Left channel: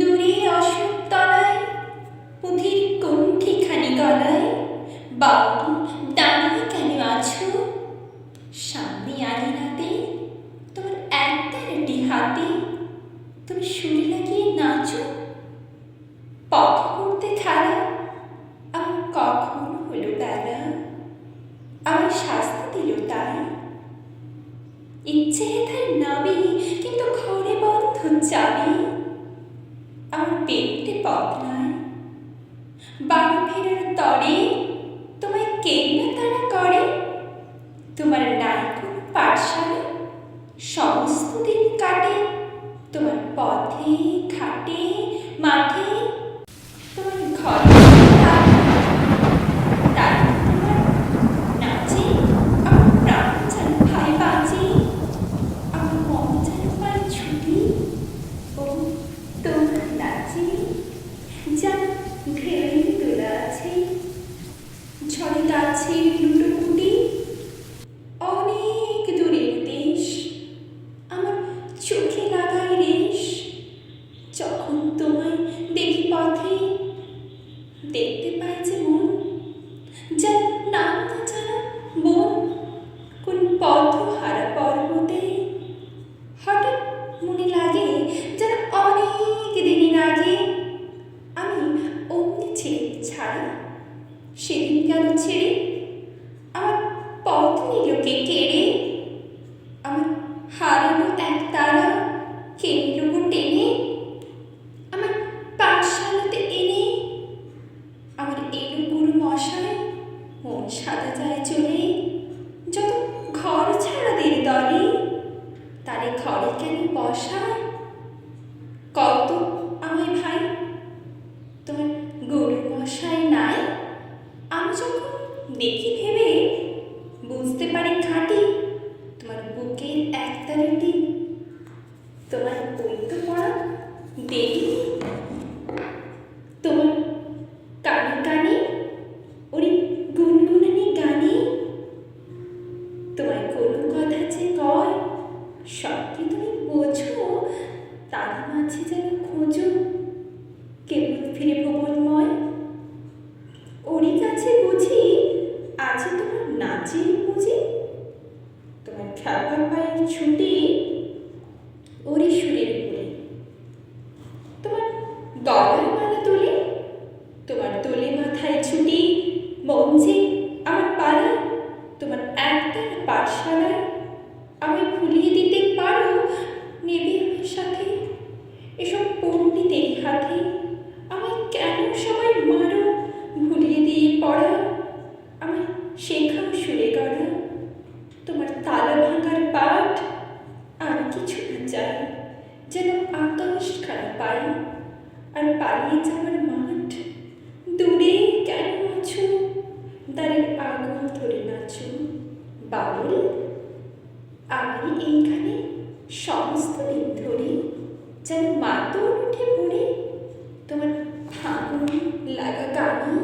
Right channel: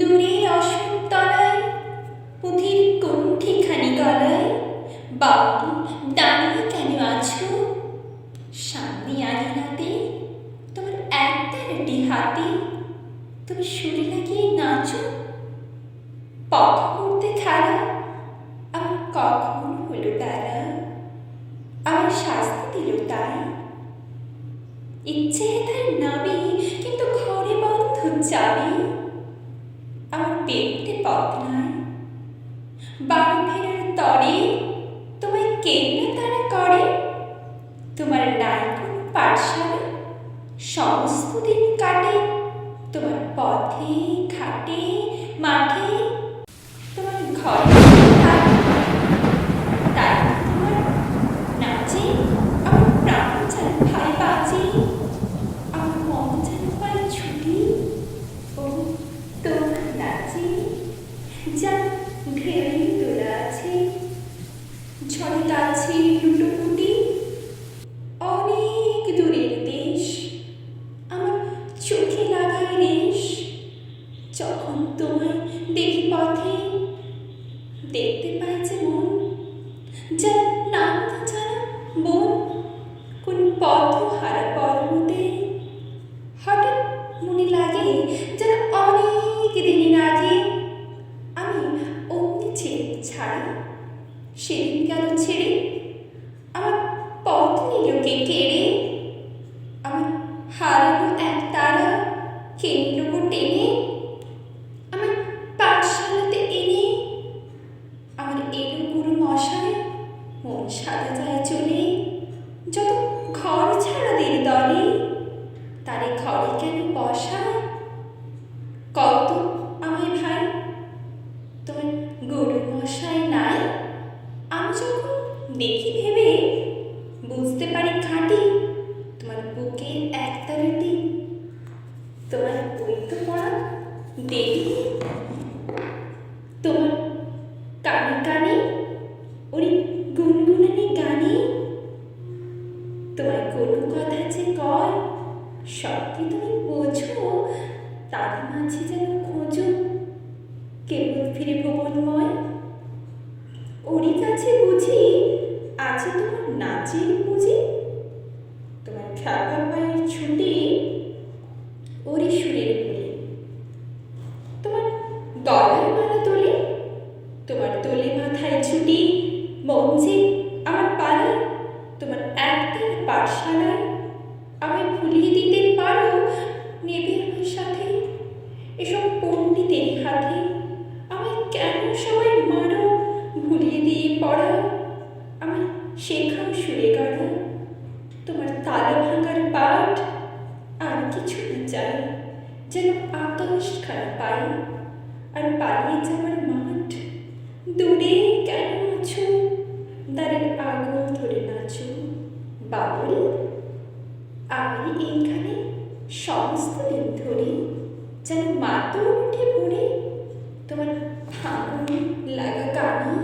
দূরে অশোকতলায় পুঁথির কুণ্ঠিখানি গলায় বাউল দাঁড়িয়ে কেন আছো? সামনে আঙিনাতে তোমার একতারাটি হাতে তুমি সুরে লাগিয়ে নাচো। পথে করতে খেলা আমার কখন হলো বেলা, আমার শাস্তি দিল তাই। ইচ্ছে হেথায় নাবি কিন্তু ঘরে বন্ধ চাবি, আমার পেটে পথ নাই। বাড়ি ফেরার তরে তোমায় কেন্না তারা করে, তোমার নাই কোনো পাঠশালা সমস্ত দিন কাটে তোমার পথে ঘাটে মাঠে। তোমার ঘরে তাই তোমার নাচে আমার প্রাণ যেন ভাই বাঁচে, আমার মন যেন পাই ছুটি ও তোমার নাচে। যা ঢেউই তোলা আছে ঝড়ে গাছের লুটোপুটি, অনেক দূরের দেশ আমার চোখে লাগায় রেশ। যখন তোমায় দেখি পথে দেখতে পাই যে মন যেন নাম না জানা বন কোন পথ হারা পর্বতে। হঠাৎ মনে লাগে যেন অনেক দিনের আগে আমি অমনি ছেড়ে ছাড়া সেদিন গেল ছেড়ে, আমার পথ নিল কে কেড়ে। আমার হারানো এক তারা কে নিল গো টেনে, আমার পাঠশালাতে এনে। আমার এলো গুরু মশাই মন সাদা যায় চলে, যত ঘর ছাড়াদের দলে তারে ঘরে কেন বসায়? কত আমায় ভাই তোমার গুরু মশাই নাই? আমি যখন দেখি ভেবে বুঝতে পারি খাঁটি তোমার বুকের একতারাটি, তোমার ওই তো পড়া দেবী। তোমার কানে কানে ওই গুনগুনানি গানে তোমায় কোনো কথা যে কয় সবকে তুমি বোঝো, তার মাঝে যেন খোঁজো কেবল ফিরে ভুবনময়। ওরই কাছে বুঝি আছে তোমার নাচের পুঁজি, তোমার খেলবার পায়ের ছুটি ওরই সুরের বলে। তোমার গলার মালা তোলে তোমার দোলে মাথায় ছুটি, মঞ্চে আমার পালায় তোমার একটার পাঠশালায়। আমায় ভুলিয়ে দিতে পারো নেবে আমার সাথে এসব পণ্ডিতের হাতে। আমায় কেন সবাই মারো ভুলিয়ে দিয়ে পড়া, আমায় শেখাও সুরে গড়া তোমার তালা ভাঙার পাঠ। আর কিছু না চাই যেন আকাশ খানা পাই আর পালিয়ে যাওয়ার মাঠ। দূরে কেন আছো দ্বারের আগুন ধরে নাচো বাউল, আমি এইখানে সমস্ত দিন ধরে যেন মাতর উঠে ভরে তোমার ভাঙন লাগা গানে।